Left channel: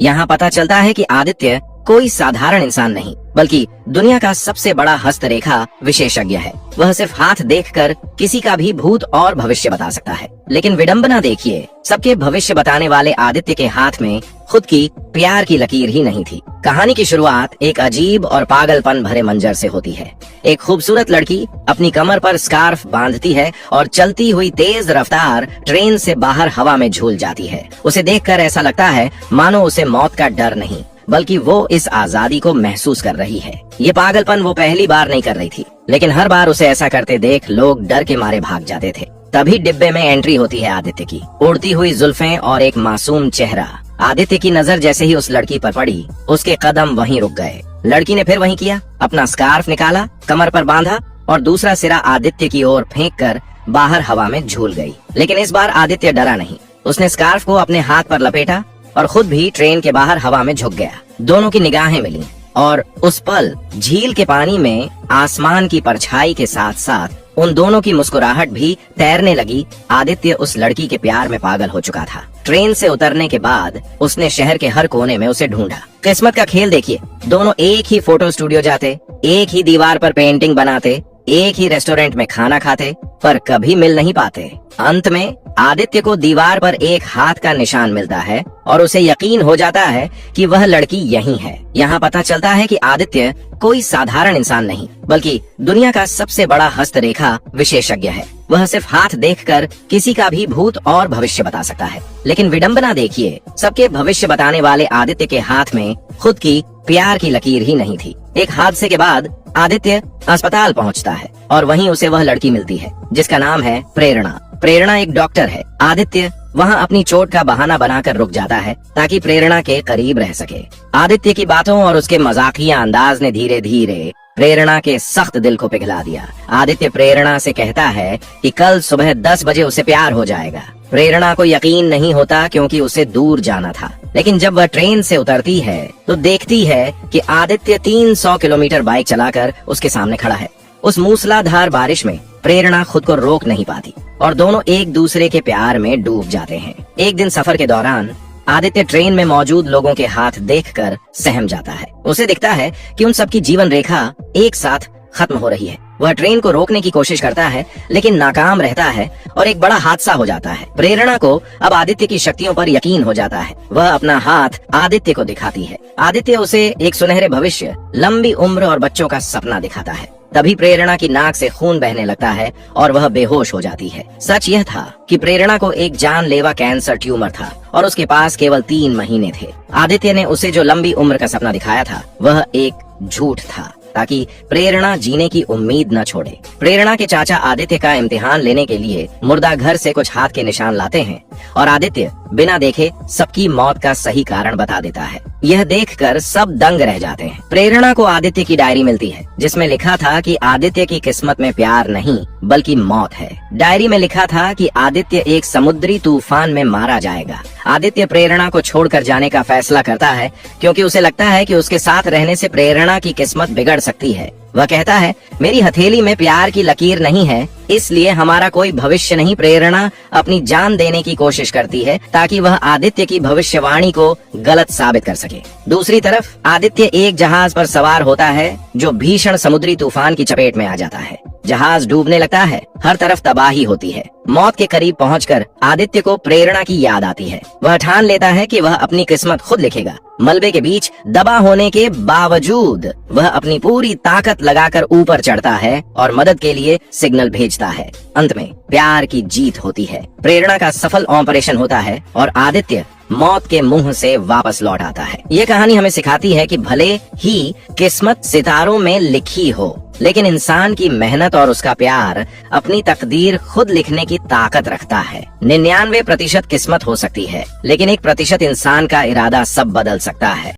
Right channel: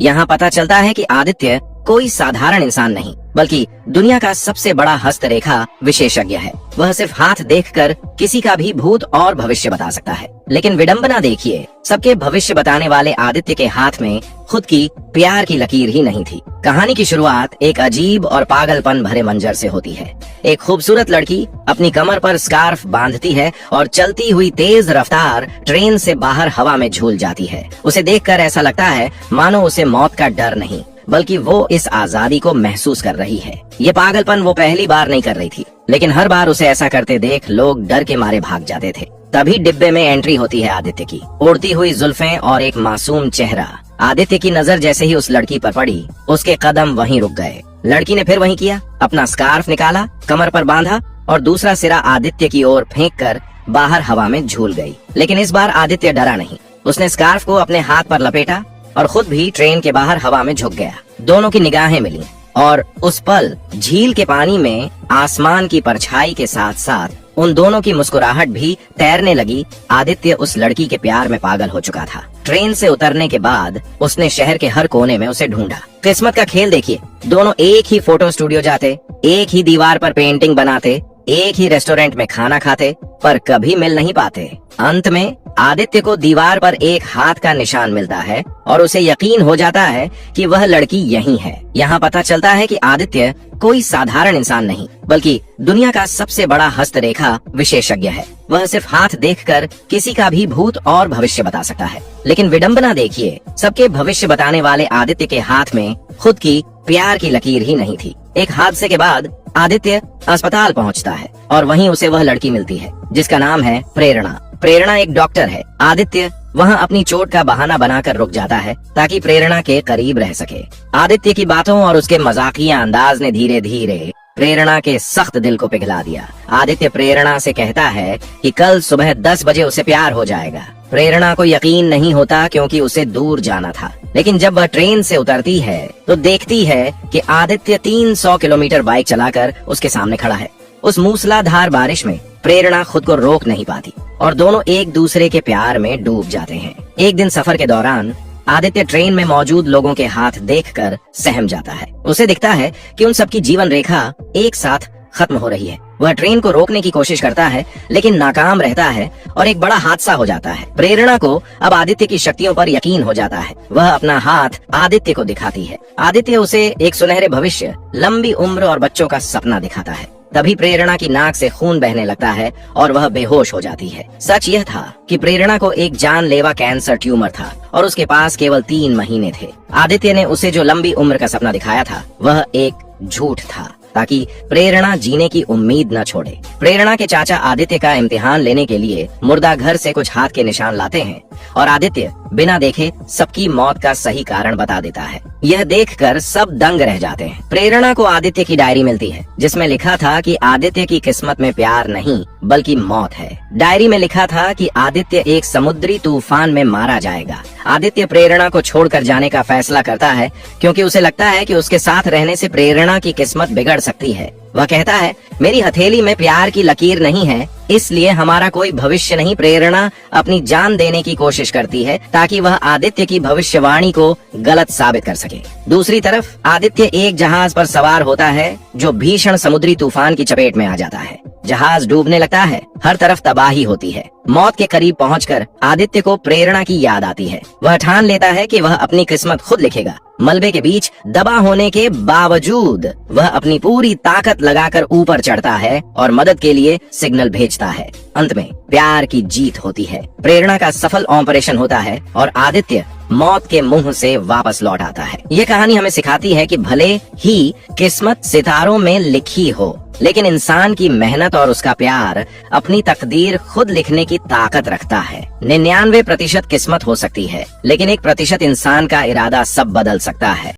यहाँ पता चलता है कि आदित्य कोई साधारण इंसान नहीं बल्कि दुनिया का सबसे बड़ा हस्तरेखा विशेषज्ञ है। वह सिर्फ हाथ देखकर किसी का भी भूत और भविष्य बता सकता है। लेकिन विडंबना देखिए, सबके भविष्य बताने वाले आदित्य के हाथ में खुद की प्यार की लकीर ही नहीं थी। कहानी की शुरुआत एक अजीब और पागलपन भरे मंजर से होती है। एक खूबसूरत लड़की अपनी कमर पर स्कार्फ बांधती है और चलती हुई तेज रफ्तार ट्रेन से बाहर हवा में झूल जाती है। उसे देखकर ऐसा लगता है मानो उसे मौत का डर नहीं बल्कि वो इस आजादी को महसूस कर रही है। ये पागलपन वो पहली बार नहीं कर रही थी, लेकिन हर बार उसे ऐसा करते देख लोग डर के मारे भाग जाते थे। तभी डिब्बे में एंट्री होती है आदित्य की, उड़ती हुई जुल्फें और एक मासूम चेहरा। आदित्य की नजर जैसे ही उस लड़की पर पड़ी, उसके कदम वहीं रुक गए। लड़की ने फिर वहीं किया, अपना स्कार्फ निकाला, कमर पर बांधा और दूसरा सिरा आदित्य की ओर फेंककर बाहर हवा में झूल गई। लेकिन इस बार आदित्य डरा नहीं। उसने स्कार्फ को अपने हाथ पर लपेटा और खुद भी ट्रेन के बाहर हवा में झुक गया। दोनों की निगाहें मिली और उस पल झील के पानी में आसमान की परछाई के साथ साथ उन दोनों की मुस्कुराहट भी तैरने लगी। आदित्य उस लड़की के प्यार में पागल हो चुका था। ट्रेन से उतरने के बाद उसने शहर के हर कोने में उसे ढूंढा। किस्मत का खेल देखिए, दोनों एक ही फोटो स्टूडियो जाते, एक ही दीवार पर पेंटिंग बनाते, एक ही रेस्टोरेंट में खाना खाते, पर कभी मिल नहीं पाते। अंत में आदित्य को दीवार पर एक हाथ का निशान मिलता है और उसे यकीन हो जाता है कि वह लड़की यही है। यहाँ पता चलता है कि आदित्य कोई साधारण इंसान नहीं बल्कि दुनिया का सबसे बड़ा हस्तरेखा विशेषज्ञ है। वह सिर्फ हाथ देखकर किसी का भी भूत और भविष्य बता सकता है। लेकिन विडंबना देखिए, सबके भविष्य बताने वाले आदित्य के हाथ में खुद की प्यार की लकीर ही नहीं थी। एक हादसे के बाद आदित्य अस्पताल पहुंचता है और वहीं उसे वह लड़की मिलती है जिसका नाम है प्रेरणा। प्रेरणा एक डॉक्टर है। आदित्य वहां अपनी चोट का बहाना बनाकर रुक जाता है ताकि प्रेरणा के करीब रह सके। आदित्य की बातों और उसके मजाकिया अंदाज ने धीरे धीरे प्रेरणा के सख्त दिल को पिघला दिया। आदित्य प्रेरणा से कहता है कि कल सुबह 10 बजे उसे प्यार हो जाएगा। प्रेरणा को यकीन नहीं होता क्योंकि उसे दूर जाना था। लेकिन जब वह ट्रेन से उतरती है तो देखती है कि आदित्य 300 किलोमीटर बाइक चलाकर उसके सामने खड़ा है। उस मूसलाधार बारिश में प्रेरणा खुद को रोक नहीं पाती और दोनों एक दूसरे के प्यार में डूब जाते हैं। एक दिन सफर के दौरान आदित्य ट्रेन में मौजूद लोगों के हाथ देखकर सहम जाता है। उसे दिखता है कि उन सबकी जीवन रेखा एक साथ खत्म हो रही है। वह ट्रेन को रोकने की कोशिश करता है लेकिन नाकाम रहता है और एक बड़ा हादसा हो जाता है। प्रेरणा को अब आदित्य की शक्तियों पर यकीन हो जाता है। वह अपना हाथ आदित्य को दिखाती है। आदित्य उसे एक सुनहरे भविष्य, लंबी उम्र और बच्चों का सपना दिखाता है। तभी प्रेरणा की नाक से खून बहने लगता है और वह बेहोश हो जाती है। सच यह था कि प्रेरणा को एक जानलेवा कैंसर ट्यूमर था और उसके पास केवल 3 महीने थे। आदित्य ने उसे जो लंबी उम्र का सपना दिखाया था वह एक झूठ था ताकि प्रेरणा जीने की उम्मीद न छोड़े। प्रेरणा के चाचा आदित्य का इम्तिहान लेने के लिए मुर्दा घर से कुछ हाथ के निशान लाते हैं और आदित्य बिना देखे सबकी मौत का सही कारण बता देता है। यह देखकर सब दंग रह जाते हैं। प्रेरणा को आदित्य की डायरी मिलती है जिसमें लिखा था कि आदित्य की किस्मत में प्यार नहीं बल्कि मौत है। डायरी में लिखा था कि आदित्य एक समुद्री तूफान में मारा जाएगा। आदित्य प्रेरणा को छोड़कर जाने का फैसला करता है क्योंकि उसे लगता है कि उसके साथ रहने से प्रेरणा की किस्मत बिगड़ सकती है। वह कहता है, मेरी हथेली में प्यार की लकीर नहीं है, इसलिए हमारा कोई भविष्य नहीं। प्रेरणा अपनी जान देने की कोशिश करती है ताकि वह आदित्य की भविष्यवाणी को गलत साबित कर सके। दूसरी तरफ आदित्य एक जहाज पर सवार होता है जो भीषण समुद्री तूफान की चपेट में आ जाता है। जहाज डूबने लगता है, हर तरफ तबाही होती है। मौत के करीब पहुंचकर आदित्य को प्रेरणा की याद आती है। वह ठान लेता है कि वह अपनी किस्मत खुद लिखेगा। मलबे के बीच दबा होने के बावजूद वह अपनी पूरी ताकत लगाकर ऊपर चढ़ता है और मदद के लिए सिग्नल भेजता है। अंत में प्यार की जीत होती है। प्रेरणा का सफल ऑपरेशन होता है और आदित्य मौत के मुंह से वापस लौट आता है। ये कहानी हमें सिखाती है कि भले ही किस्मत सितारों में लिखी हो, लेकिन इंसान की मेहनत और उसका प्यार अपनी तकदीर खुद लिखने की ताकत रखता है। 99% किस्मत हो सकती है, लेकिन 1% इंसान का इरादा सब बदल सकता है।